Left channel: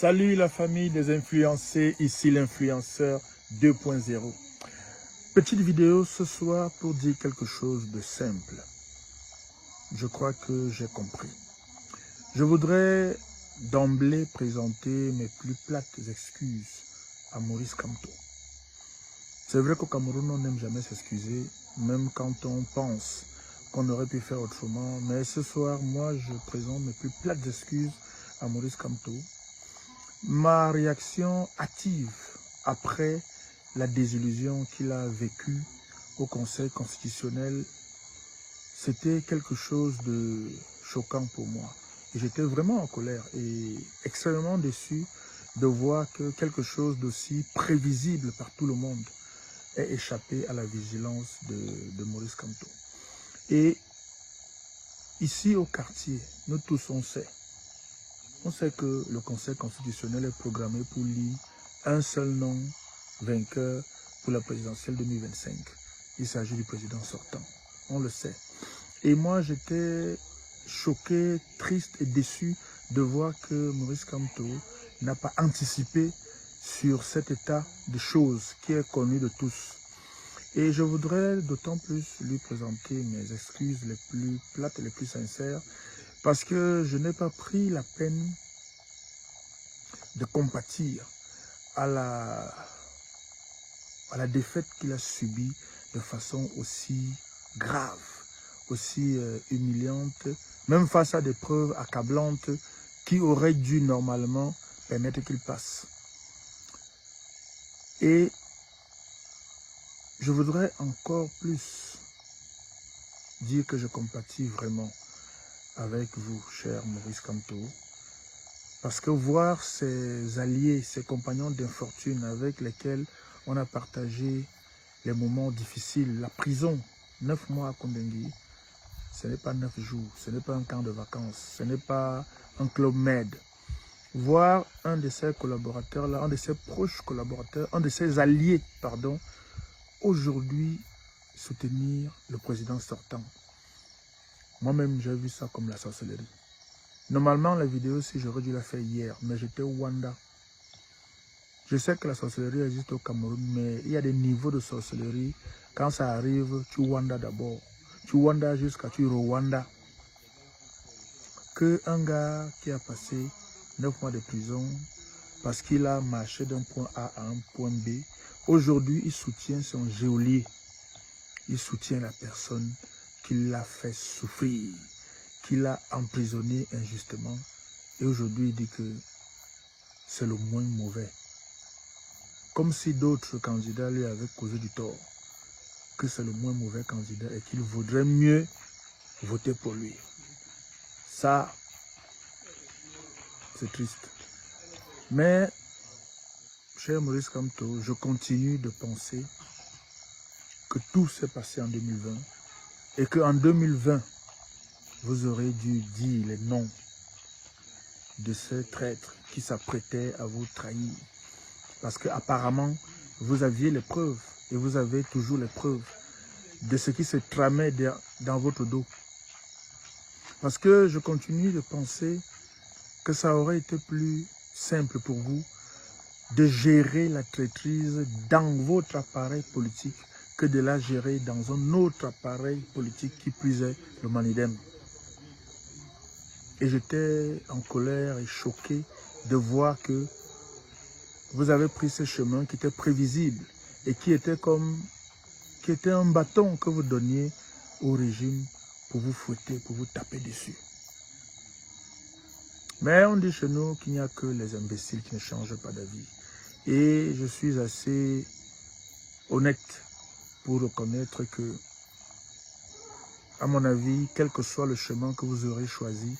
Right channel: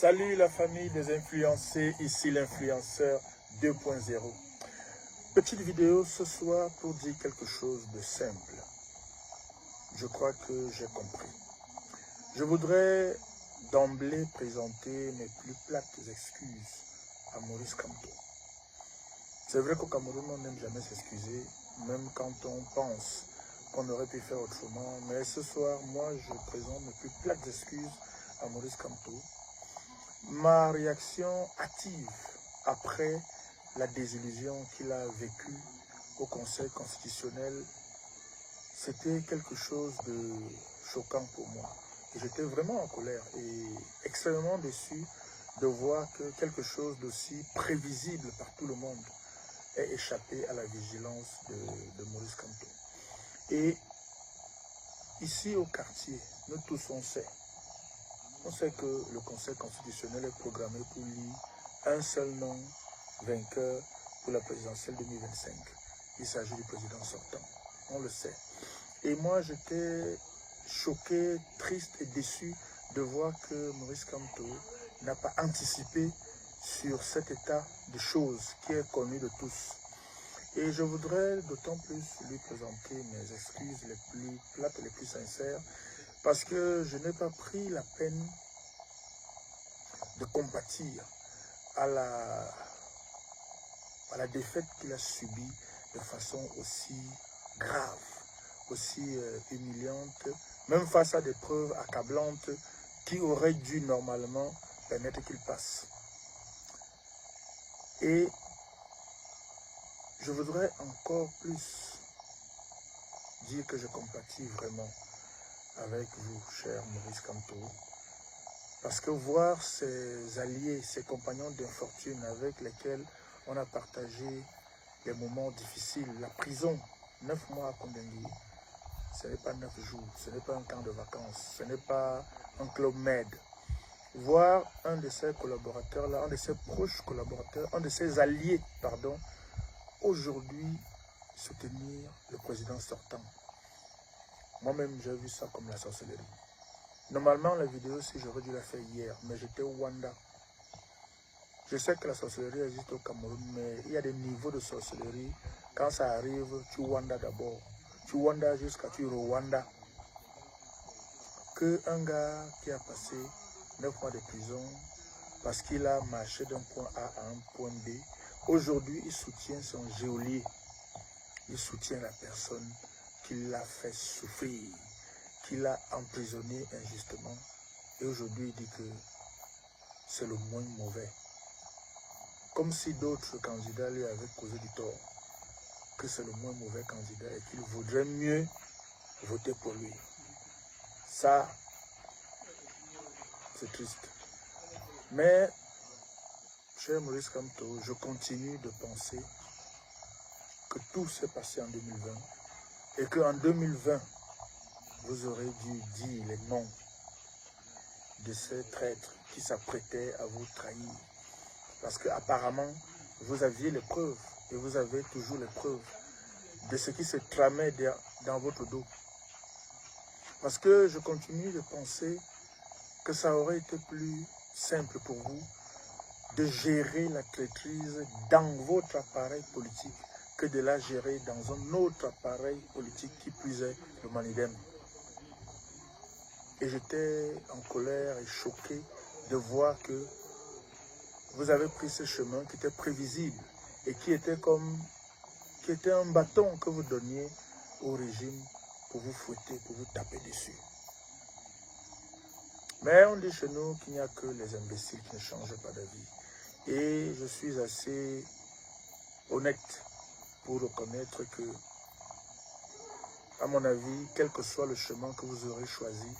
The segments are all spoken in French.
Salut la famille des influencés, ici l'influenceur 2.0. Petite vidéo ce soir pour dire quelque chose de simple. Je crois que j'ai compris. Je voudrais d'emblée présenter mes plus plates excuses à Maurice Kamto. C'est vrai qu'au Cameroun, on n'aime jamais s'excuser, même quand on pense qu'on aurait pu faire autrement. Mais ce soir, moi, je présente mes plus plates excuses à Maurice Kamto. Ma réaction hâtive après la désillusion qu'il a vécue au Conseil constitutionnel, c'était quelque chose de choquant pour moi. J'étais vraiment en colère et extrêmement déçu de voir que quelque chose d'aussi prévisible par tout le monde ait échappé à la vigilance de Maurice Kamto. Et ici au quartier, nous tous on sait. On sait que le Conseil constitutionnel est programmé pour lire un seul nom vainqueur pour la présidentielle 2025. Il s'agit du président sortant. On le sait. Et moi, j'étais choqué, triste et déçu de voir que Maurice Kamto n'a pas anticipé sur cet état de choses qui est connu de tous. Et je voudrais d'autant plus lui présenter mes excuses les plus plates et les plus sincères, parce que je n'ai pas pris la peine de compatir à la défaite qu'il a subie de façon aussi grave, aussi humiliante, même face à des preuves accablantes qui auraient dû normalement permettre qu'il passe. Et je voudrais encore plus dire que je compatis vraiment avec vous, cher Maurice Kamto, parce que voir ses alliés, ses compagnons d'infortune avec lesquels on a partagé les moments difficiles, la prison, 9 mois à Kondengui, ce n'est pas 9 jours, ce n'est pas un camp de vacances, ce n'est pas un club med. Voir un de ses collaborateurs là, un de ses proches collaborateurs, un de ses alliés, pardon, aujourd'hui soutenir le président sortant. Moi-même, j'ai vu ça comme la sorcellerie. Normalement, la vidéo, si j'aurais dû la faire hier, mais j'étais au Rwanda. Je sais que la sorcellerie existe au Cameroun, mais il y a des niveaux de sorcellerie. Quand ça arrive, tu Rwanda d'abord. Tu Rwanda jusqu'à tu Rwanda. Que un gars qui a passé 9 mois de prison parce qu'il a marché d'un point A à un point B, aujourd'hui, il soutient son geôlier. Il soutient la personne qui l'a fait souffrir, qui l'a emprisonné injustement. Et aujourd'hui, il dit que c'est le moins mauvais. Comme si d'autres candidats lui avaient causé du tort, que c'est le moins mauvais candidat et qu'il vaudrait mieux voter pour lui. Ça, c'est triste. Mais, cher Maurice Kamto, je continue de penser que tout s'est passé en 2020 et qu'en 2020, vous aurez dû dire les noms de ces traîtres qui s'apprêtaient à vous trahir. Parce qu'apparemment, vous aviez les preuves, et vous avez toujours les preuves de ce qui se tramait dans votre dos. Parce que je continue de penser que ça aurait été plus simple pour vous de gérer la traîtrise dans votre appareil politique que de la gérer dans un autre appareil politique qui plus est le Manidem. Et j'étais en colère et choqué de voir que vous avez pris ce chemin qui était prévisible et qui était un bâton que vous donniez au régime pour vous fouetter, pour vous taper dessus. Mais on dit chez nous qu'il n'y a que les imbéciles qui ne changent pas d'avis. Et je suis assez honnête pour reconnaître que, à mon avis, quel que soit le chemin que vous aurez choisi,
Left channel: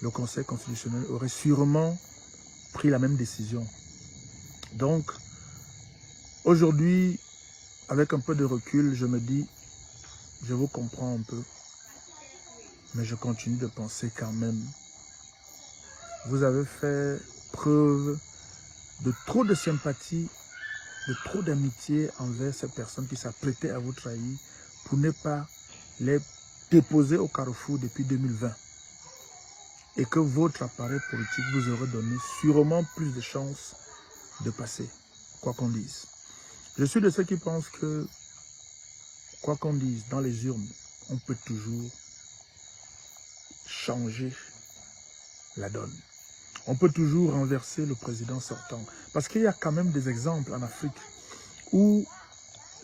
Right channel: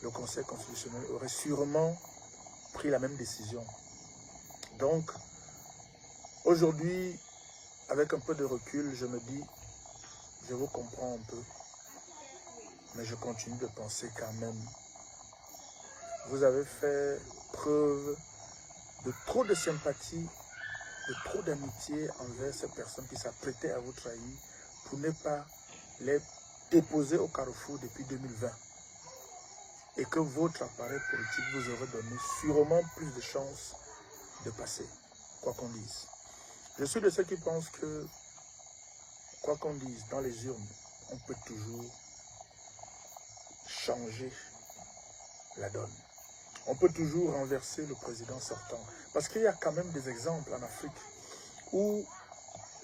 le Conseil constitutionnel aurait sûrement pris la même décision. Donc, aujourd'hui, avec un peu de recul, je me dis, je vous comprends un peu, mais je continue de penser quand même. Vous avez fait preuve de trop de sympathie, de trop d'amitié envers ces personnes qui s'apprêtaient à vous trahir pour ne pas les déposer au carrefour depuis 2020. et que votre appareil politique vous aurait donné sûrement plus de chances de passer, quoi qu'on dise. Je suis de ceux qui pensent que, quoi qu'on dise, dans les urnes, on peut toujours changer la donne. On peut toujours renverser le président sortant. Parce qu'il y a quand même des exemples en Afrique où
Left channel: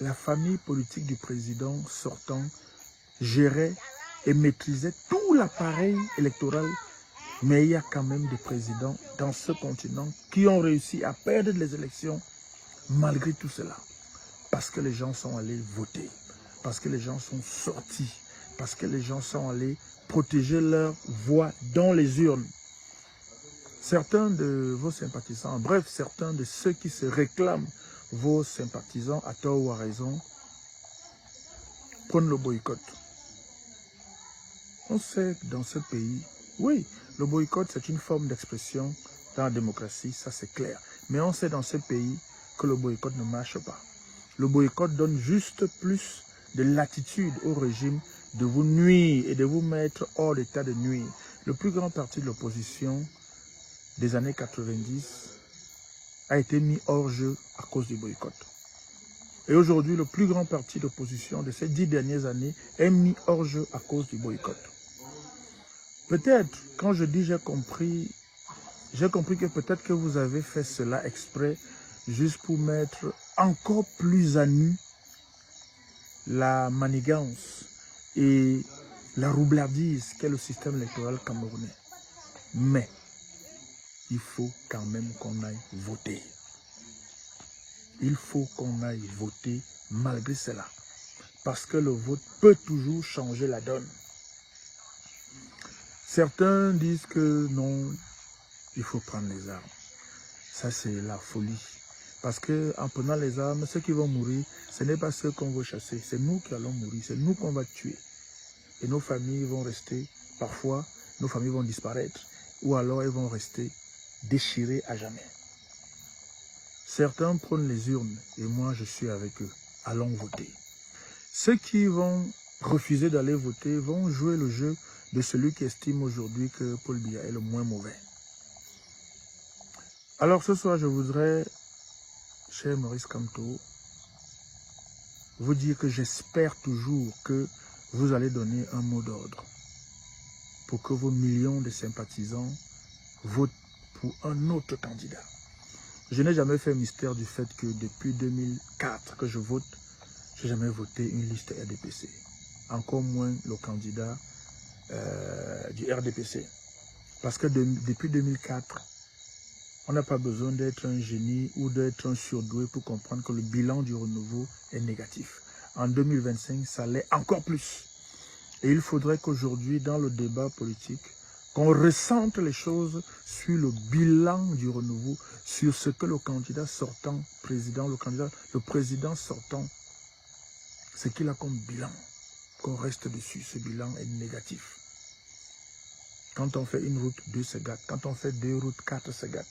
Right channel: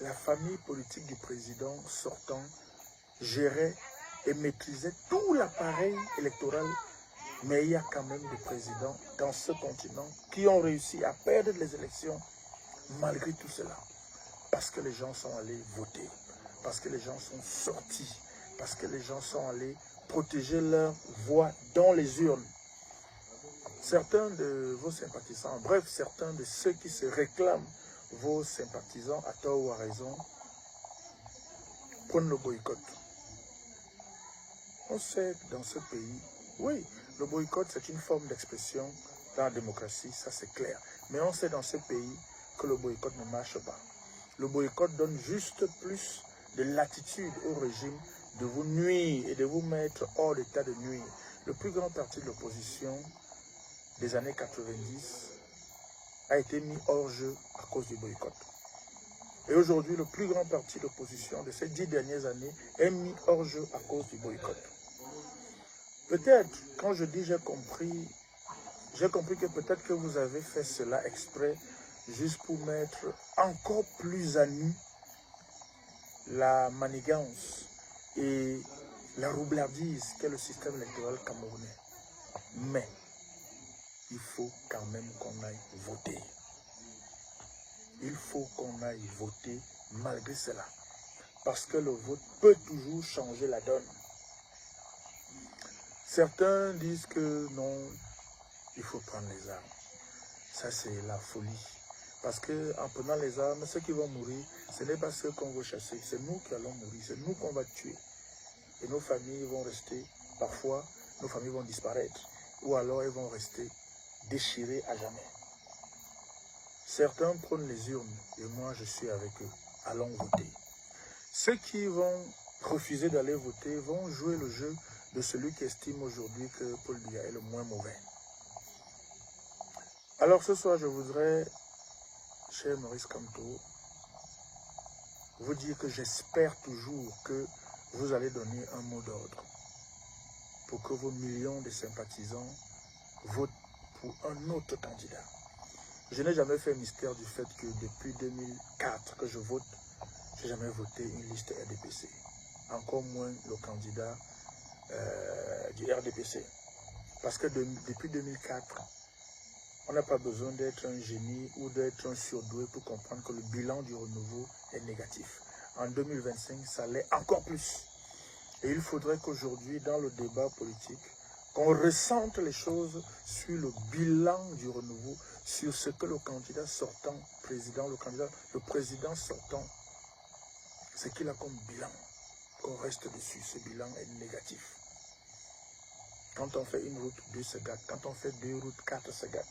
la famille politique du président sortant gérait et maîtrisait tout l'appareil électoral. Mais il y a quand même des présidents dans ce continent qui ont réussi à perdre les élections malgré tout cela. Parce que les gens sont allés voter, parce que les gens sont sortis, parce que les gens sont allés protéger leur voix dans les urnes. Certains de vos sympathisants, bref, certains de ceux qui se réclament vos sympathisants, à tort ou à raison, prennent le boycott. On sait que dans ce pays, oui, le boycott c'est une forme d'expression dans la démocratie, ça c'est clair. Mais on sait dans ce pays que le boycott ne marche pas. Le boycott donne juste plus de latitude au régime de vous nuire et de vous mettre hors d'état de nuire. Le plus grand parti de l'opposition des années 90 a été mis hors jeu à cause du boycott. Et aujourd'hui, le plus grand parti d'opposition de ces 10 dernières années est mis hors jeu à cause du boycott. Peut-être, quand je dis j'ai compris que peut-être que vous avez fait cela exprès, juste pour mettre encore plus à nu la manigance et la roublardise qu'est le système électoral camerounais. Mais, il faut quand même qu'on aille voter. Il faut qu'on aille voter malgré cela. Parce que le vote peut toujours changer la donne. Certains disent que non, il faut prendre les armes. Ça, c'est la folie. Parce qu'en prenant les armes, ceux qui vont mourir, ce n'est pas ceux qu'on veut chasser. C'est nous qui allons mourir. C'est nous qu'on va tuer. Et nos familles vont rester, parfois, nos familles vont disparaître. Ou alors, elles vont rester déchirées à jamais. Certains prennent les urnes. Et moi, je suis avec eux. Allons voter. Ceux qui vont refuser d'aller voter vont jouer le jeu de celui qui estime aujourd'hui que Paul Biya est le moins mauvais. Alors ce soir, je voudrais, cher Maurice Kamto, vous dire que j'espère toujours que vous allez donner un mot d'ordre pour que vos millions de sympathisants votent pour un autre candidat. Je n'ai jamais fait mystère du fait que depuis 2004 que je vote, je n'ai jamais voté une liste RDPC. Encore moins le candidat du RDPC. Parce que depuis 2004, on n'a pas besoin d'être un génie ou d'être un surdoué pour comprendre que le bilan du renouveau est négatif. En 2025, ça l'est encore plus. Et il faudrait qu'aujourd'hui, dans le débat politique, qu'on ressente les choses sur le bilan du renouveau, sur ce que le candidat sortant, le président sortant, ce qu'il a comme bilan. Qu'on reste dessus, ce bilan est négatif. Quand on fait une route, 2 se gâtent. Quand on fait 2 routes, 4 se gâtent.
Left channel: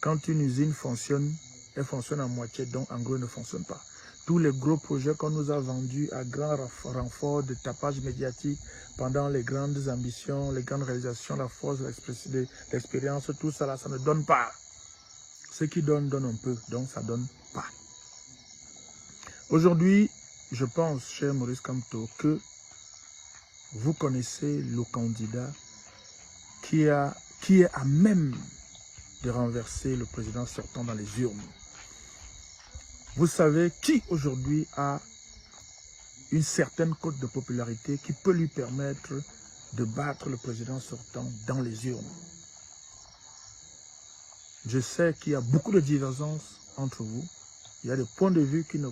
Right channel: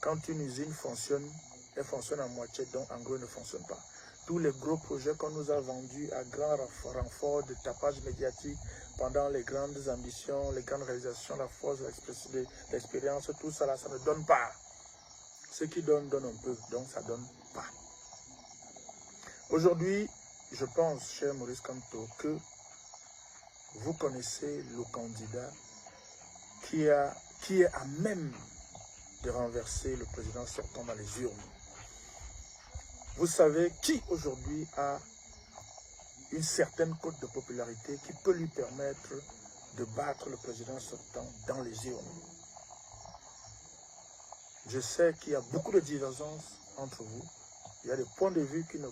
Quand une usine fonctionne, elle fonctionne à moitié, donc en gros, elle ne fonctionne pas. Tous les gros projets qu'on nous a vendus à grand renfort de tapage médiatique pendant les grandes ambitions, les grandes réalisations, la force de l'expérience, tout ça là, ça ne donne pas. Ce qui donne, donne un peu, donc ça ne donne pas. Aujourd'hui, je pense, cher Maurice Kamto, que vous connaissez le candidat qui est à même de renverser le président sortant dans les urnes. Vous savez qui aujourd'hui a une certaine cote de popularité qui peut lui permettre de battre le président sortant dans les urnes. Je sais qu'il y a beaucoup de divergences entre vous. Il y a des points de vue qui ne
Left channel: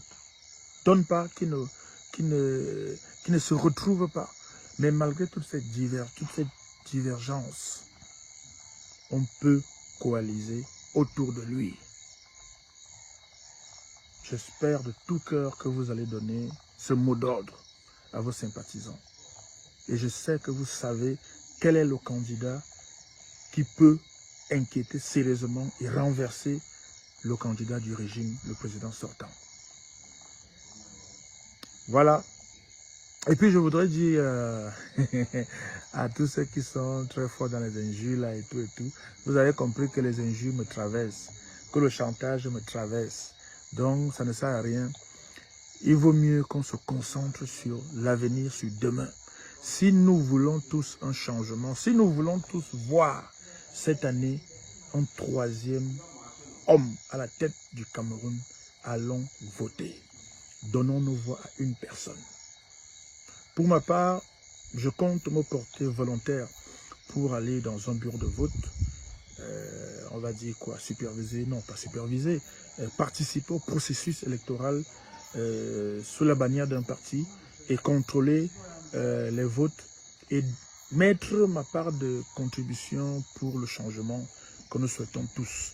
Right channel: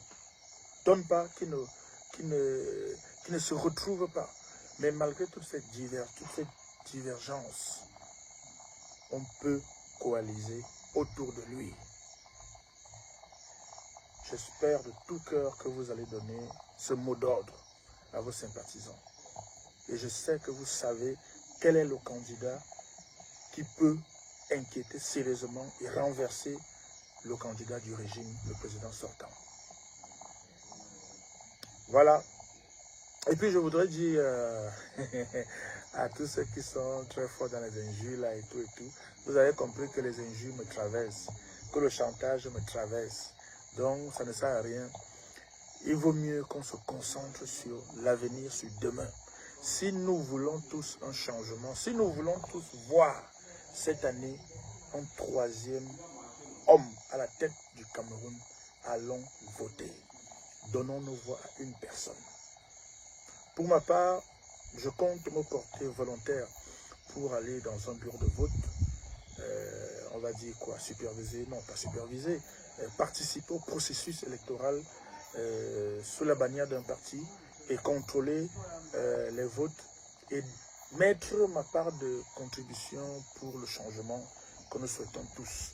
donnent pas, qui ne se retrouvent pas. Mais malgré toutes ces divergences, on peut coaliser autour de lui. J'espère de tout cœur que vous allez donner ce mot d'ordre à vos sympathisants. Et je sais que vous savez quel est le candidat qui peut inquiéter sérieusement et renverser le candidat du régime, le président sortant. Voilà. Et puis je voudrais dire à tous ceux qui sont très forts dans les injures là et tout, vous avez compris que les injures me traversent, que le chantage me traverse. Donc ça ne sert à rien. Il vaut mieux qu'on se concentre sur l'avenir, sur demain. Si nous voulons tous un changement, si nous voulons tous voir cette année un troisième homme à la tête du Cameroun, allons voter. Donnons nos voix à une personne. Pour ma part, je compte me porter volontaire pour aller dans un bureau de vote. On va dire quoi, superviser, non pas superviser, participer au processus électoral sous la bannière d'un parti et contrôler les votes et mettre ma part de contribution pour le changement que nous souhaitons tous.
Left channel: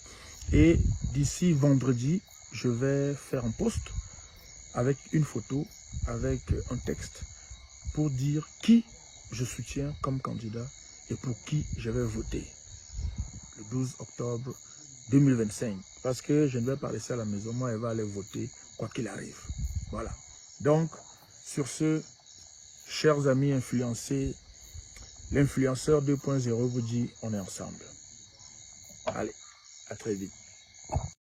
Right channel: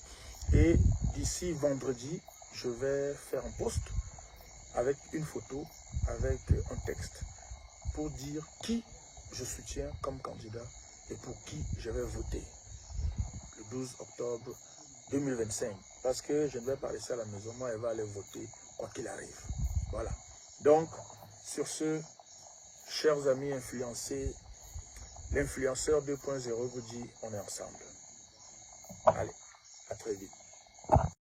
Et d'ici vendredi, je vais faire un post avec une photo, avec un texte pour dire qui je soutiens comme candidat et pour qui je vais voter le 12 octobre 2025. Parce que je ne vais pas rester à la maison, moi elle va aller voter quoi qu'il arrive. Voilà. Donc, sur ce, chers amis influencés, l'influenceur 2.0 vous dit on est ensemble. Allez, à très vite.